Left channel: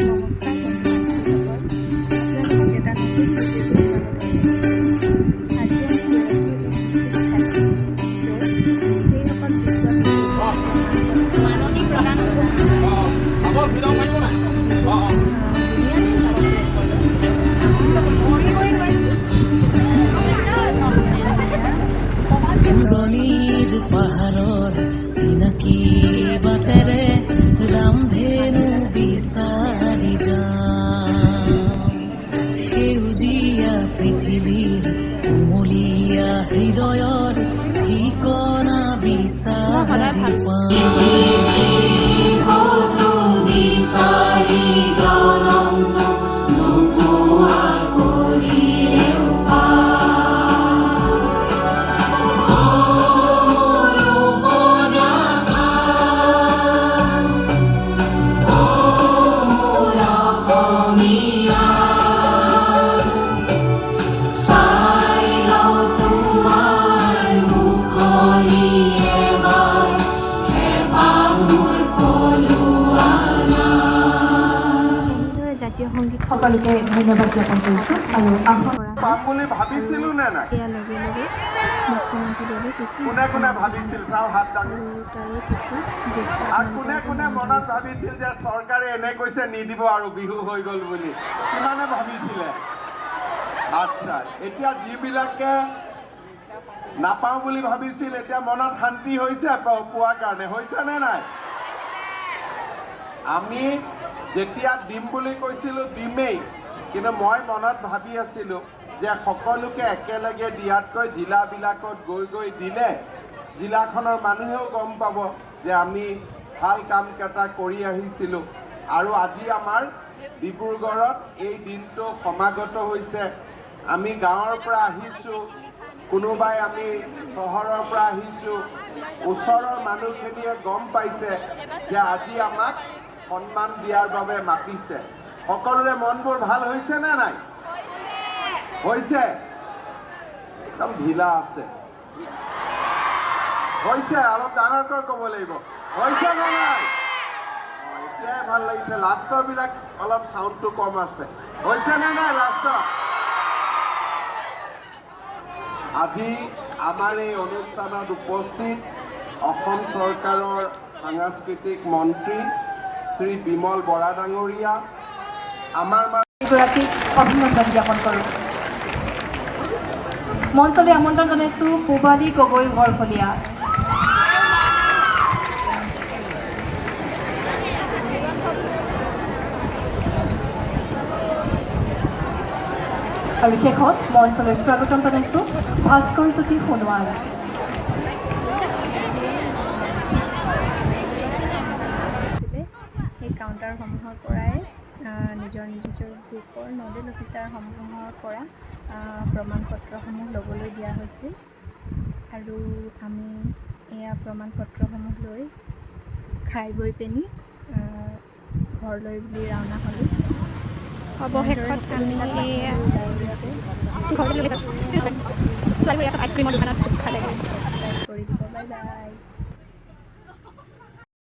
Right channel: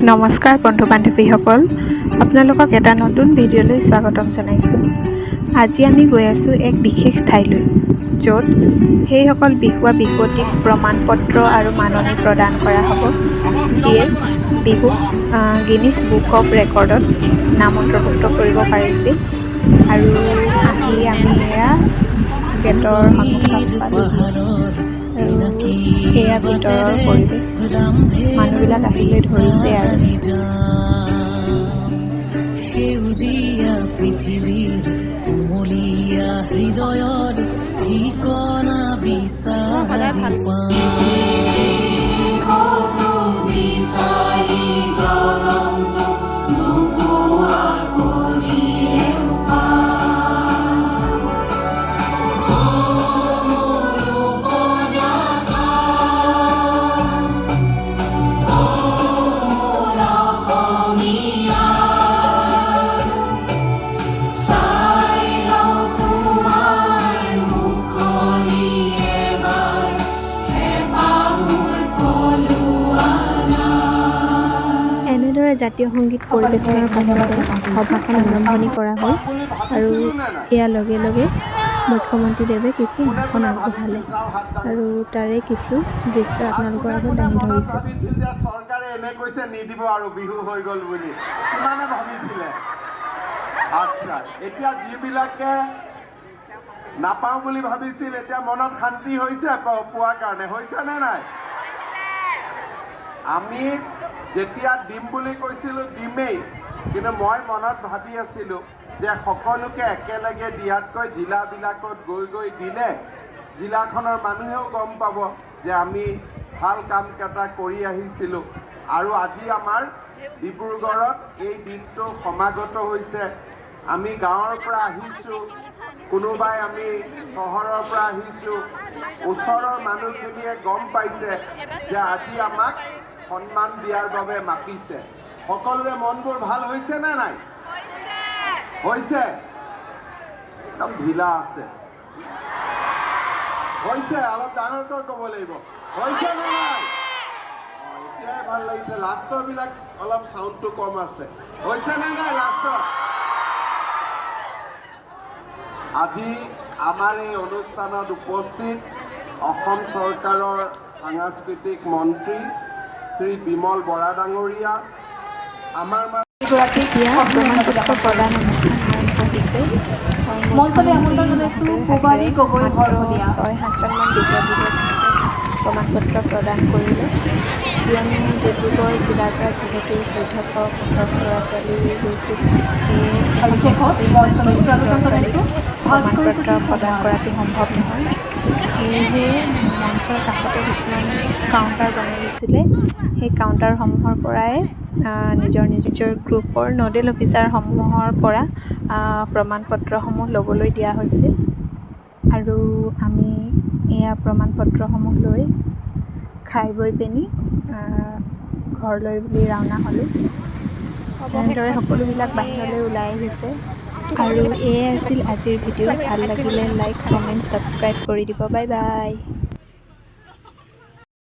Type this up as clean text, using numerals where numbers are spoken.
নমস্কাৰ বন্ধু বান্ধৱীসকল, আপোনালোকক এটা নতুন ভিডিঅ'লৈ স্বাগতম জনাইছোঁ। আজি আমি গৈ আছোঁ এক বিশেষ ঠাইলৈ, য'ত সেইসকল বিহুৱা বিহুৱতীক প্ৰমাণপত্ৰ আৰু মাননি প্ৰদান কৰা হ'ব, যিয়ে বিহুক গিনিজ বুক অফ ৰেকৰ্ডত নাম অন্তৰ্ভুক্ত কৰিব পাৰিছিল। আৰু আমি এয়া পাহাৰৰ চিনাকি বাটেৰে ৰামধেনু বিচাৰি যাম। সেউজীয়া পৃথিৱীৰ কোমলীয়া হৃদয়ৰ ঠিকনা বিচাৰি জাতীয় সংগীত ধন্যবাদ কৰা হয়। আৰু ইয়াৰ লগে লগে মুখ্যমন্ত্ৰীদেৱে কিছু ভাষণ আগবঢ়ালে আৰু তাৰে কিছু দৃশ্য আপোনালোকৰ আগত দাঙি ধৰিছে। চৰকাৰে এনে কৈছে নিদিব আৰু বিহু হৈ গ'ল বুলি কিমানে ভাবিছিলে। আচ্ছা, এতিয়া যিবিলাকে নাপাওঁ বুলি ভাবিছিল এতিয়া মনত শান্তি হৈছে পোৱাৰ কাৰণে, হৈছে নে নাই? আমি যেতিয়া দিম বুলি কৈছিলোঁ দিমেই, কিন্তু মই মনত ভাবি আছিলোঁ যে সকলোকে একেলগে দিয়াতকৈ জিলাবিলাকত গৈ গৈ দিলে জিলাখনৰ মানুহেও গম পাব যে আমি ভাল কাম কেইটা কৰি আহিছিলোঁ। আৰু আজি আমাৰ ডিব্ৰুগড়ত এই দিনটো সমাগত হৈছে। আমি গাঁৱৰ পৰা আহিছোঁ, কোনোবাই আমি চহৰৰ পৰা আহিছোঁ। ওচৰৰ মানুহখিনিয়ে গম পাইছে যে আজি আমাক সন্মান দিয়াৰ বাবে মাতিছে। সকলোৰে মনবোৰ ভাল হৈছে নে নাই? হৈছে? একদম ঢিলা আছে। হৈছে? অলপ ডাঙৰকৈ ক'ব লাগিব। হৈছে নে নাই? এতিয়াই ভাল লাগিছে। লাষ্টৰ বিলাক অলপ চাউণ্ডটো কম আছে। হৈছে নে নাই লাষ্টত? আজি আমাৰ এই অনুষ্ঠানত উপস্থিত অসম চৰকাৰৰ সাংস্কৃতিক মন্ত্ৰী শ্ৰী বিমল বৰা ডাঙৰীয়া, আমাৰ মঞ্চলৈ আমন্ত্ৰণ জনাইছোঁ পূবালী গগৈ বৰফলীয়া। 6-7জন প্ৰমাণপত্ৰ প্ৰদান কৰিলে। ডিব্ৰুগড় জিলাৰ পৰা যিহেতু 14শ ল'ৰা ছোৱালী গৈছিল আৰু শেষত মঞ্চলৈ স্বাগতম জনাইছোঁ ভাস্কৰ জ্যোতি সোণোৱাল। কৰাটো সম্ভৱ নহয়, সেয়েহে মঞ্চৰ কাষতে কিছুমান কাউণ্টাৰ বনাই দিছিলে। সেই কাউণ্টাৰসমূহৰ পৰাই নিজৰ গ্ৰুপৰ নডেল অফিচাৰসমূহৰ পৰা প্ৰমাণপত্ৰসমূহ ল'বলৈ দিয়া হৈছিল। আৰু আমি এয়া প্ৰমাণপত্ৰসমূহ লৈ খাই বৈ পিনি ঘৰলৈ বুলি ৰাওনা হ'লোঁ। এনেদৰে সকলোবিলাক বাহিৰলৈ ওলাই আহিছে। আৰু এয়াই আছিল আজিৰ ভিডিঅ'। ভাল লাগিলে লাইক, কমেণ্ট, ছাবস্ক্ৰাইব কৰি দিব। Bye bye.